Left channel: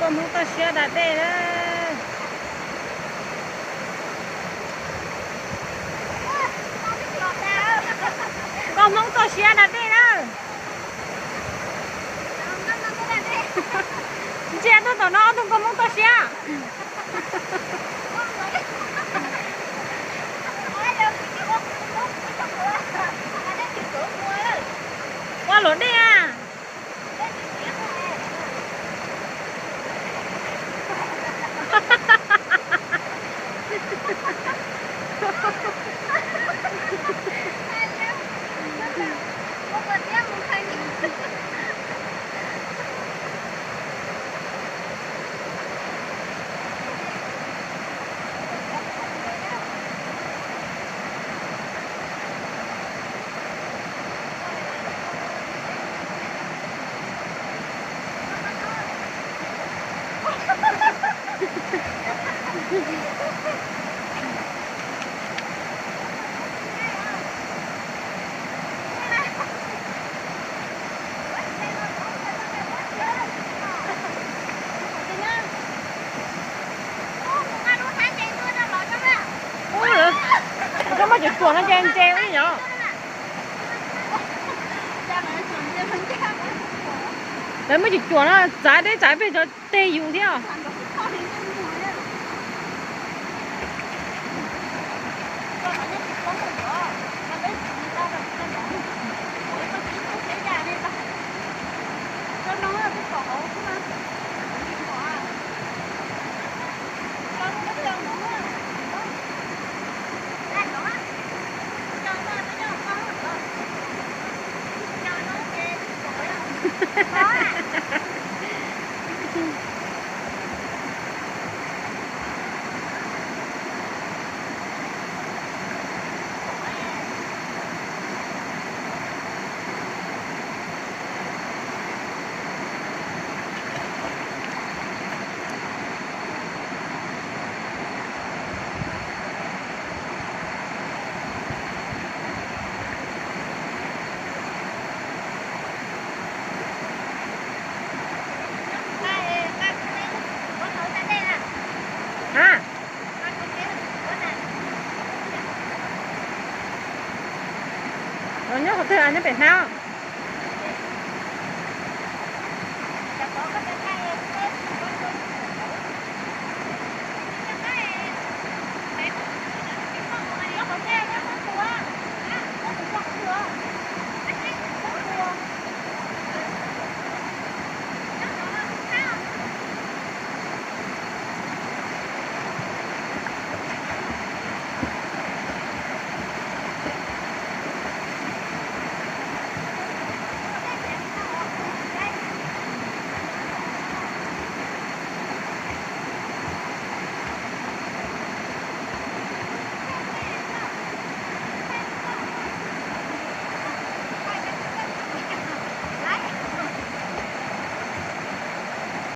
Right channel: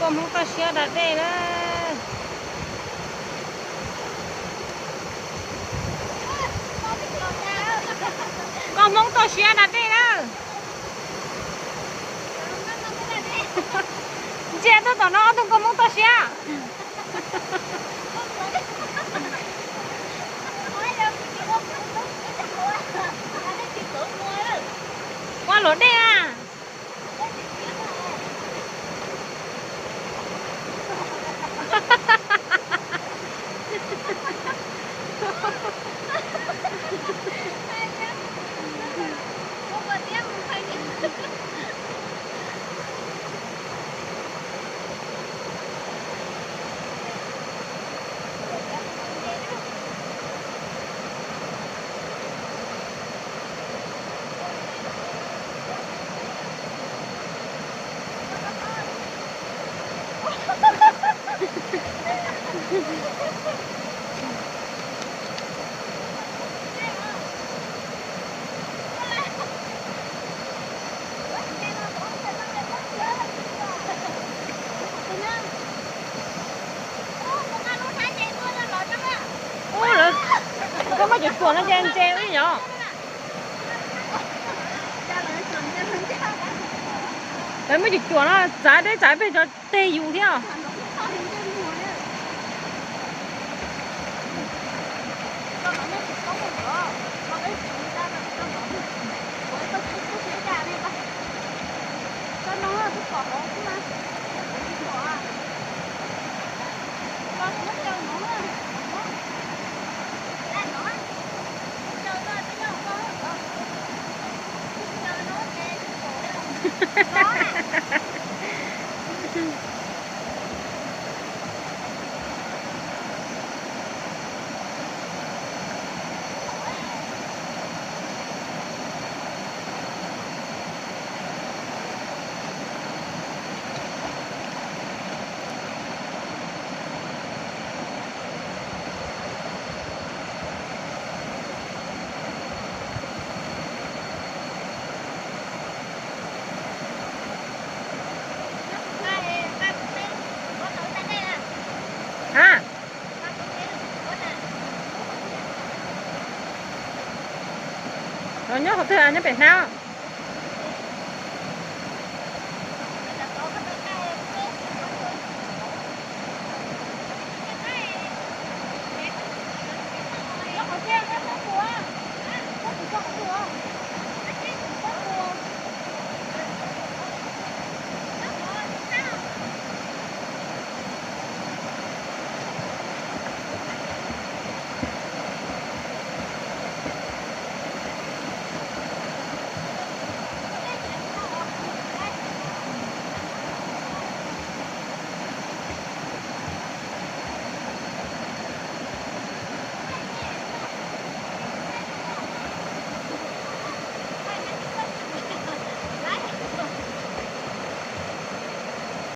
con không có xe đặt đây đó. Con không có xe đặt đây đó. Xe tôi tao nó tôi con không có xe. Qua lối đây à. Cái mà chụp chuột nó chen chen ấy nhở. Đấy mới chụp chuột nó trái đấy trái về cho tê dù theo. À. Rồi nhớ học thư à nhớ biết nào.